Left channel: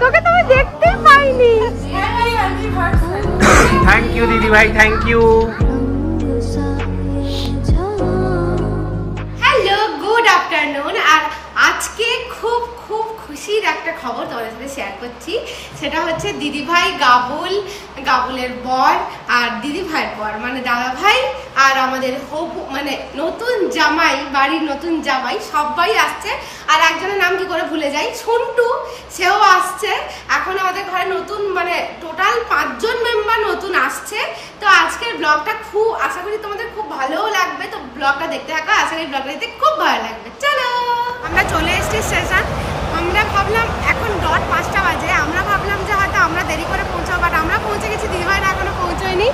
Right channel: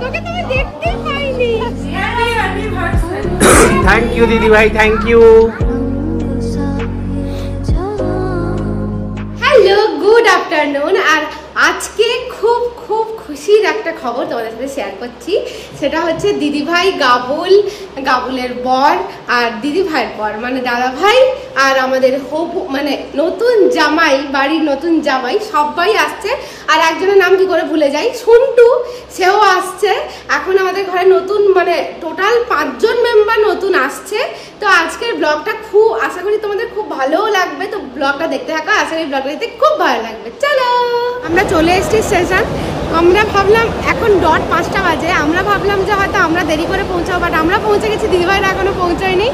তোকে তো আমি দেখতে পাইনি। থ্যাংক ইউ দিদি ভাই, thank you. Hello, good afternoon. আর আজকে খুব খুব খুশির একটা খবর তোমাদের সাথে শেয়ার করছি। সেটা হচ্ছে দিদিভাই গাবুলের বর আর দিদিভাইয়ের বর মানে দাদা ভাই আর আমাদের হবু মানে নতুন জামাই, বাড়ির নতুন জামাই সবাই আসছে। আর একজনের নাম কি করে ভুলে যাই, ছুন্টু, সেও আসছে। এখন আমাদের ঘরে নতুন মানে টোটাল 5 জন মেম্বার নতুন আসছে। তো আজকের ব্লগটা খুব আশা করি তোমাদের খুব ভালোও লাগবে। তো ব্লগটা দেখতে থাকো, আশা করি ব্লগটা দেখতে খুব ভালো লাগবে। চলো, আমরা চলে এসেছি স্টেশন। আমরা ভাবলাম এখন 5টা বাজে, আমরা ভাবলাম যে হয়তো আমরা দেরি করে পৌঁছাবো, বাট আমরা পৌঁছে গেছি, দিদিভাইরা এখনো পৌঁছয়নি।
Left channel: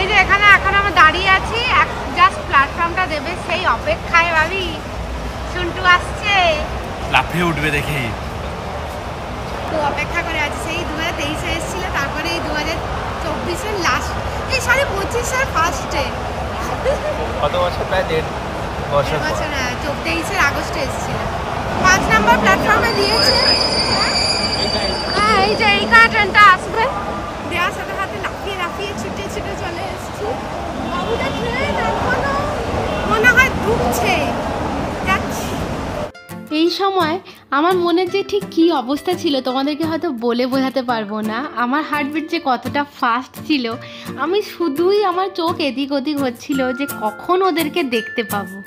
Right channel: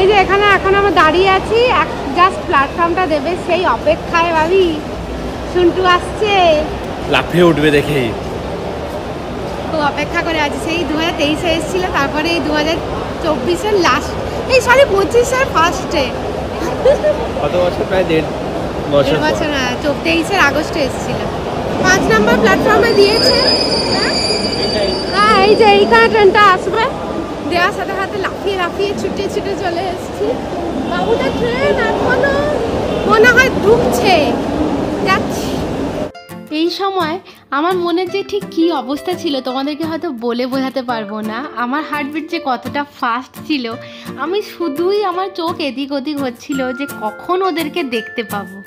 এই যে এখানে এখন আমরা দাঁড়িয়ে আছি, জাস্ট প্ল্যাটফর্মটা দেবে সেই অপেক্ষায়। ভাবি ছুন্টু আসছে, লাফিয়ে উঠবে দেখেই খুব অপেক্ষা করে আছি। সেই 2023-এ এসেছিল, তারপরে এই 2024-এর লাস্ট, এই 25-এর ফার্স্টে। কত বছর? প্রায় 1.5 বছর। হ্যাঁ, 23-এর আগস্টে এসেছিল। 5 নম্বর প্ল্যাটফর্মে দিয়েছে। হ্যাঁ, এই যে এইখানে ট্রেনটা আসবে, দেওয়ার সাথে সাথে লাফিয়ে লাফিয়ে ছুটে ছুটে চলে এসেছি। বাবুটা ট্রেন এখনো মনে হয় ঢুকছে, যাচ্ছি। এই সময় আমার মনে যে ঠিক কী অবস্থা ছিল তোমাদেরকে হয়তো বলে বোঝাতে পারবো না। আমার হার্টবিট যে কতটা ফাস্ট ছিল, আমি শুধুই আমার চোখ এদিক ওদিক হচ্ছিল যে কখন ওদেরকে দেখতে পাবো।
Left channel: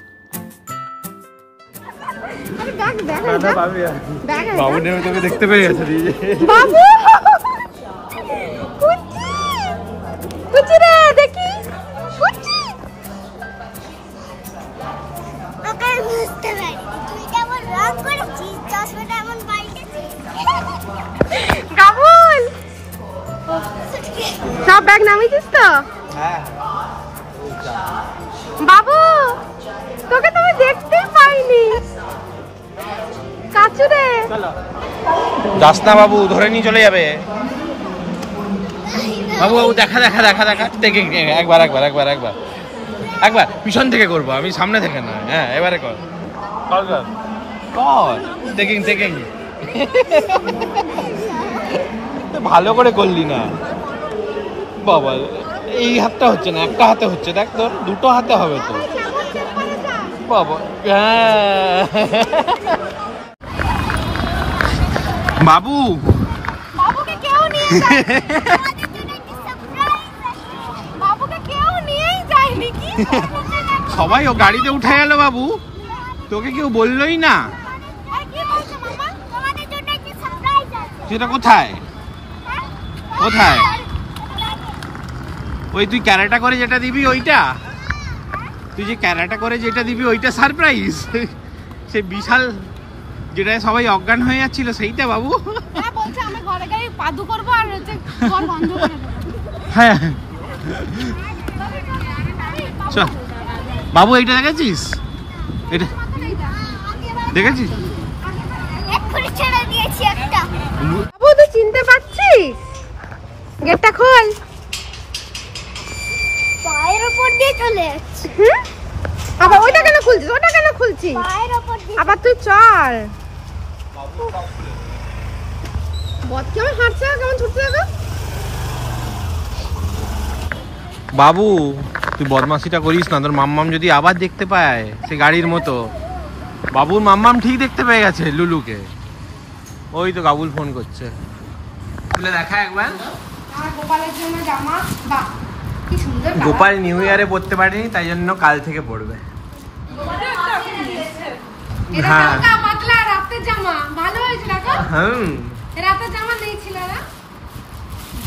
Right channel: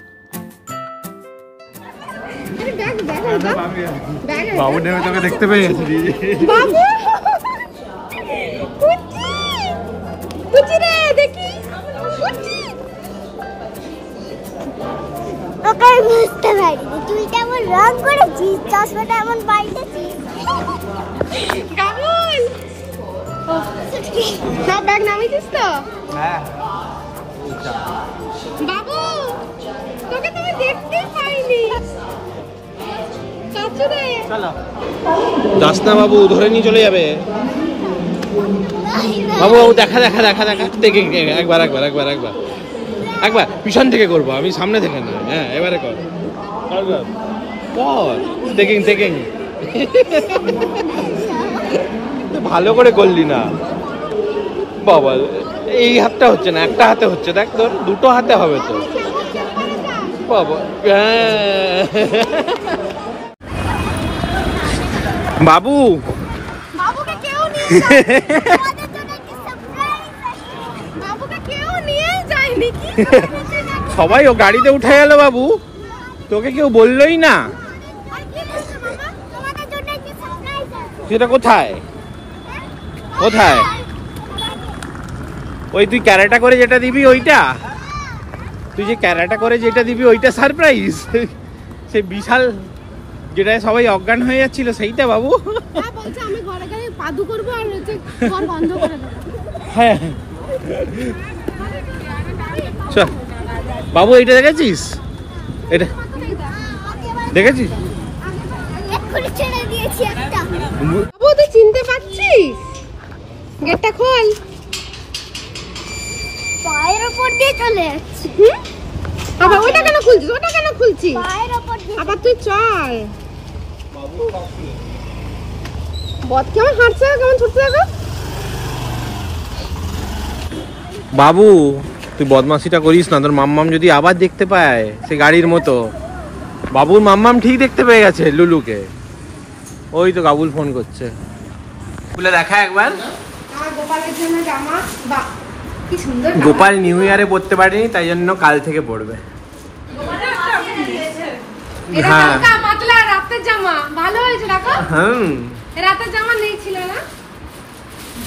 দেখতে পেয়েছি বাবু, কুচি রে, দেখি ওকে বুঝতে পারিনি তুই কেমন রং করেছিস, চশমাটা এমন পাল্টেছিস। গাবুল, সব ব্যাগ নামিয়েছিস তো? বাবু, তোকে তো আমি দেখতেই পাইনি। কাচু রে, যাস না বাবু, ধরে নিয়ে চলে যাবে। বাবু দেখা দেখা দেখা দেখা দেখে একবার একবার একবার একবার একবার পিছন থেকে করবো, আমি সামনে থেকে না। হ্যাঁ, এবারে কর কর, দেখেন দেখেন। ভালো করে করলি না বাবা, এই হাতটা হচ্ছে না, একটা হাতে হচ্ছে। দেখ তোর 2টো হাতে হবে তো বাবা। বাবু, বাবুকে কেউ নিয়ে বাবুকে কেউ নিয়ে যায়নি কি? সবাই ও গাড়িতে উঠে গেল বাবু, তোকে কেউ বললোই না। সেটা কোথায় কোথায়? ওই তুই ক্যারাটা করে যেটা দিবি ওইটা, তুই যে ক্যারাটা করে যেটা দিবি ওইটা সারপ্রাইজ। সে বিশাল যেটা সবাই অজ্ঞান হয়ে যাচ্ছিল সেইটা বাবু। আমি ঘরে গিয়ে পাদু করবো আর হচ্ছে ঘর বন্ধ করে দেবো। হ্যাঁ চল বাবু, এইটা দেখেছিস? এটা দেখেছিস? বাবু, তুই চিনতে পারছিস? গেটটা খোল। আবার ওইটা কেন খুলছিস? ওটা কেন খুলছিস? আবার তুই চল। বদ কেমন হাঁটছে, কেমন ছুটতে থাকো। বাবু, তুই বদমাশিটা করিস না, তোর মাম্মাম যদি আবার দেখতে পায় সে গাড়ির মতো। বাবুর মাম্মাম ঠিক দেখতে পেয়ে গেছে লুলুকে। ওই তো গাবুল ফোন করছে, খুলে দেখা একবার। গোপালের জন্য জামা, বাহ কি সুন্দর। গোপাল নিউ ইয়ারে পড়তে পারেনি, তাই জন্য কাল থেকে পড়বে। হ্যাঁ, পাতলা রাতের জামা ভালো হয়েছে। দেখো, হ্যাঁ রাতের জামা নেই ছিল না।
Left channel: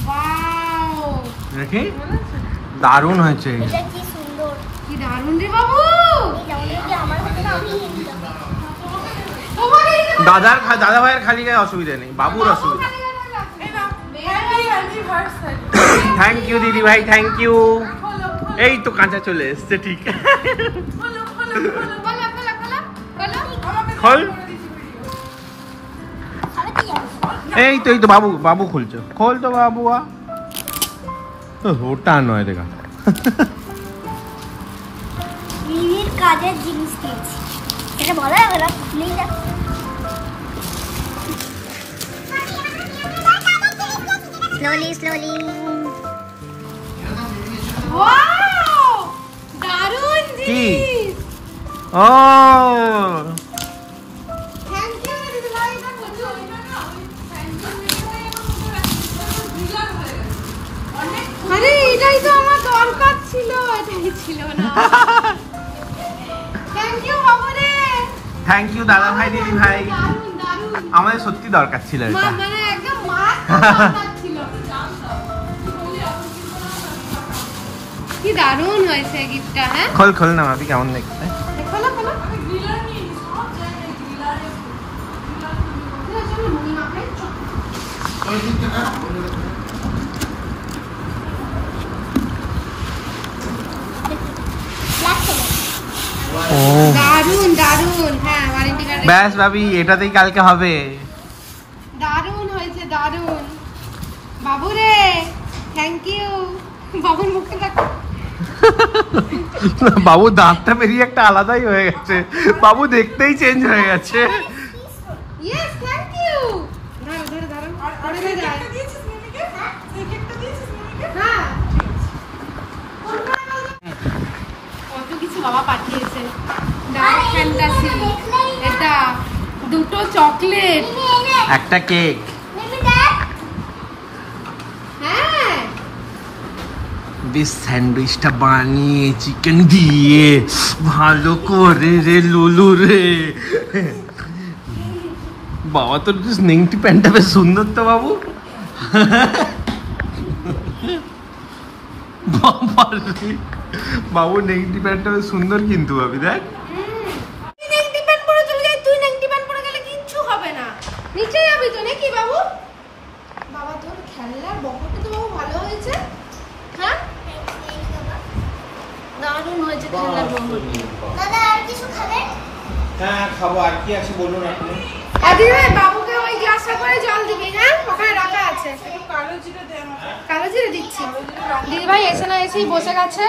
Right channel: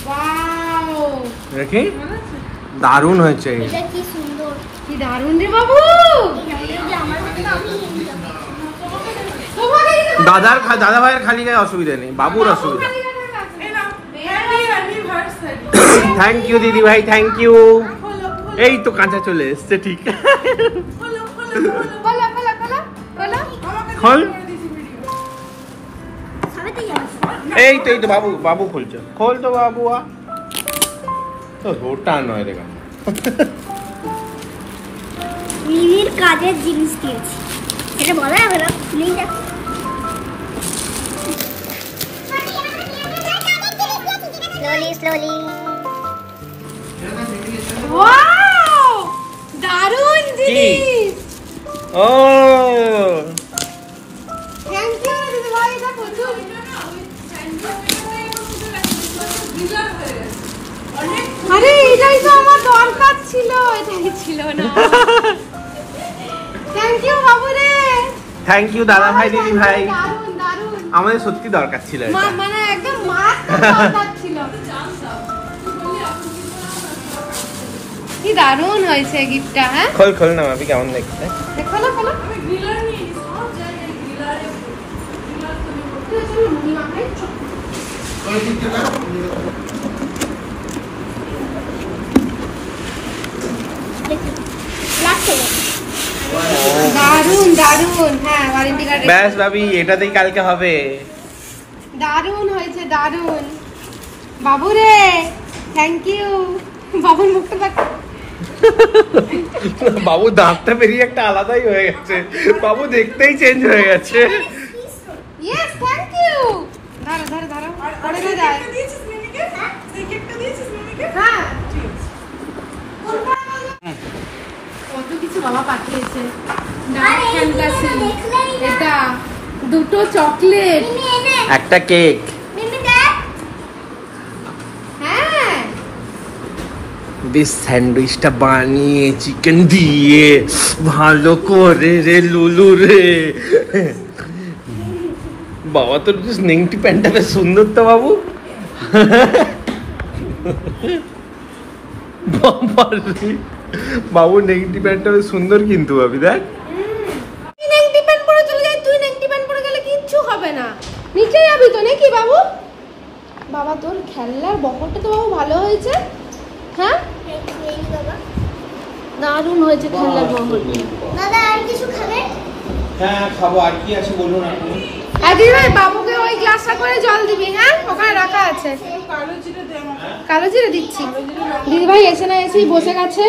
ওয়াও, দেখি দারুণ হয়েছে। কি সুন্দর, কি দারুণ রে বাবু। দাদা ভাইয়ের খালি গায়ে অসুবিধা নেই, বাবুর অসুবিধা। থ্যাংক ইউ দিদি ভাই, থ্যাংক ইউ। এই তো কাঁচা চলে এসছে, ঠিক। এই তো বাবু, বাবু খুলছে, খোল তো বাবু। ওটা নয় দেখা, মিমির কাজের জিনিস দিয়েছি, এটা বলা যাবে না। স্লোলি ওয়াও দারুণ জিনিস। ও থ্যাংক ইউ দিদি ভাই, এটা প্রচুর। আরে এটাই তো আমার দরকার ছিল, এটাই ছিল না। থ্যাংক ইউ বাবু রে। থ্যাংক ইউ দাদা ভাই দিদি ভাই, দারুণ দারুণ। আমাদের সত্যি দরকার ছিল এটা। মানে একদম মার দরকার ছিল। কি দারুণ হয়েছে গিফটটা। হ্যাঁ খোল খোল না মাপি, কেমন দেখতে? খোলো খোলো। দারুণ দারুণ। হ্যাঁ ওয়ারেন্টি কার্ড। ব্যাস ভাবি, এটাতেই কালকে হবে। দারুণ হয়েছে দারুণ। বাবু রে থ্যাংক ইউ। বাবুর মুখটা দেখ। বাবু দাঁতটা বেরিয়ে একটা আলাদাই হয়ে গেছে, বাবু দেখতেই চেঞ্জ হয়ে গেছে। Yes thank you. ধরো ধরো ধরো। আর এটা যায়। হ্যাঁ কত কিছু বাবা পাঠিয়েছে। ডার্ক ফ্যান্টাসি, এটা দুটো চকলেট, একটা কেক। হ্যাঁ বেশ স্যান্ডউইচটা বানিয়ে চিকেন দিয়ে ভালো করে রে লুলু রে। বাবা তোর নেংটি প্যান্টটা বেশ সুন্দর তো বাবু। বাবু নেংটি প্যান্টটা বেশ সুন্দর কিন্তু ভাবি দেখ। তুই নেংটি প্যান্ট পরে চলে যাই, তুই নেংটি প্যান্ট পরে গেলে কিচ্ছু হবে না। নিচে যাবি তো নাকি বাবু? বাবা তোর খেলনার বহরটা তো বাবু ভালো হয়েছে। হ্যাঁ দারুণ হয়েছে খেলনার বহর। দাদা আর কিছু খাবে? হ্যাঁ খাবো, আর কি আছে বলুন আপনি। আর দিদি ভাই বাবুকে ওই গ্লাসটা করে জল দিবি। হ্যাঁ ওখানে রাখা আছে। কালো জিরে দিচ্ছি। দিদি ভাই এসে না এসেই বসে গেছে।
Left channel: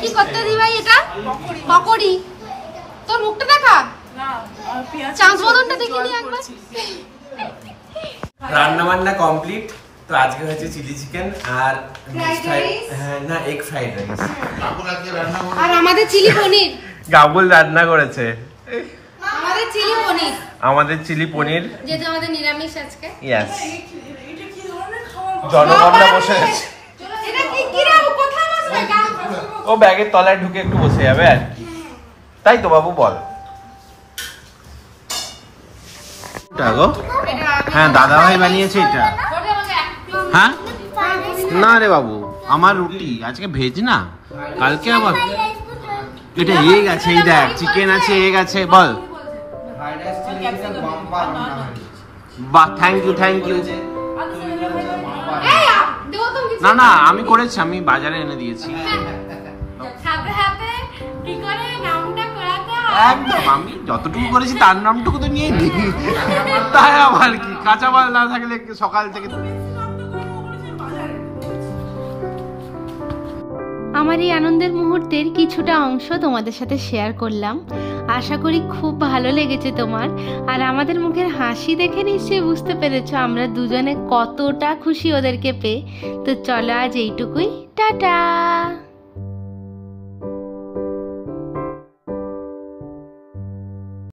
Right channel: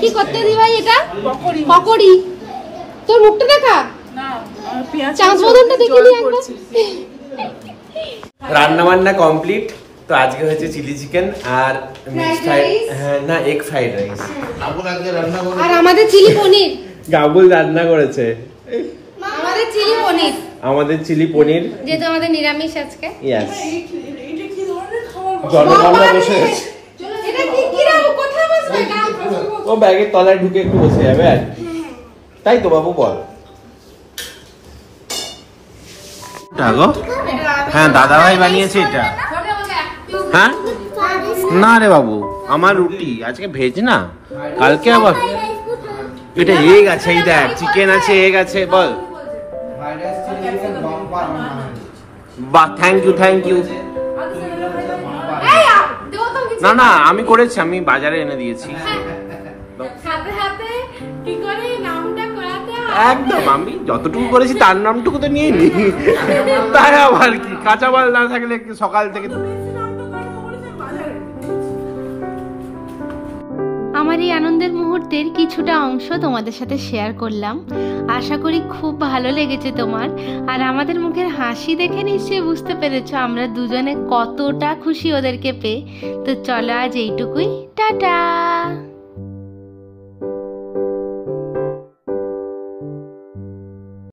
কি করতে দিদি ভাই? এটা পকোড়ি। তোর মুখটা দেখা, চাঁদ বদনটা দেখিয়ে দি একবার। রান্না বান্না কমপ্লিট। তো আজকে হচ্ছে চিলি চিকেন আর না এগ ফ্রাইড রাইস। আর আমাদের চিলি পনির। গাবুল রান্না করেছে আমাদের চিলি পনির, আমাদের চিলি পনির। যেহেতু আমাদের নিরামিষ আজকে। ইয়েস, জনগণরা বসে গেছে। এটা কি কি রে? কোথায় বসবে? ও ব্যাগের তলায় ঢুকে একটু বসে যাবে আর কি। তাই তো বাবু বল। হ্যাঁ দাদা ভাই বানিয়েছে এটা। হ্যাঁ না রে বাবু, আমার রুটি আজকে ভেজ না, কালকে আবার। এটা এগ আছে, এই দেখ চিকেন আছে, এগ আছে। বল বাহ, থ্যাংক ইউ থ্যাংক ইউ। না না আমি করেছি, আমি বাজারে এনে দিয়েছি। একদম আমি যতটুকু করেছি তার নামটুকু তো নিয়ে নি। তাই আবার কি, কাঁচা মাল না থাকলে সকাল থেকে। আমার এই আনন্দের মুহূর্তের কিছুটা অংশ তোমাদের সাথে শেয়ার করলাম। আশা করি খুব ভালো লেগেছে তোমার। আর আমাদের মুখের হাসি দেখে নিশ্চয়ই বুঝতে পেরেছো আমরা দুজনে কতটা খুশি ওদেরকে পেয়ে। তো চলো আজ এইটুকুই, টাটা।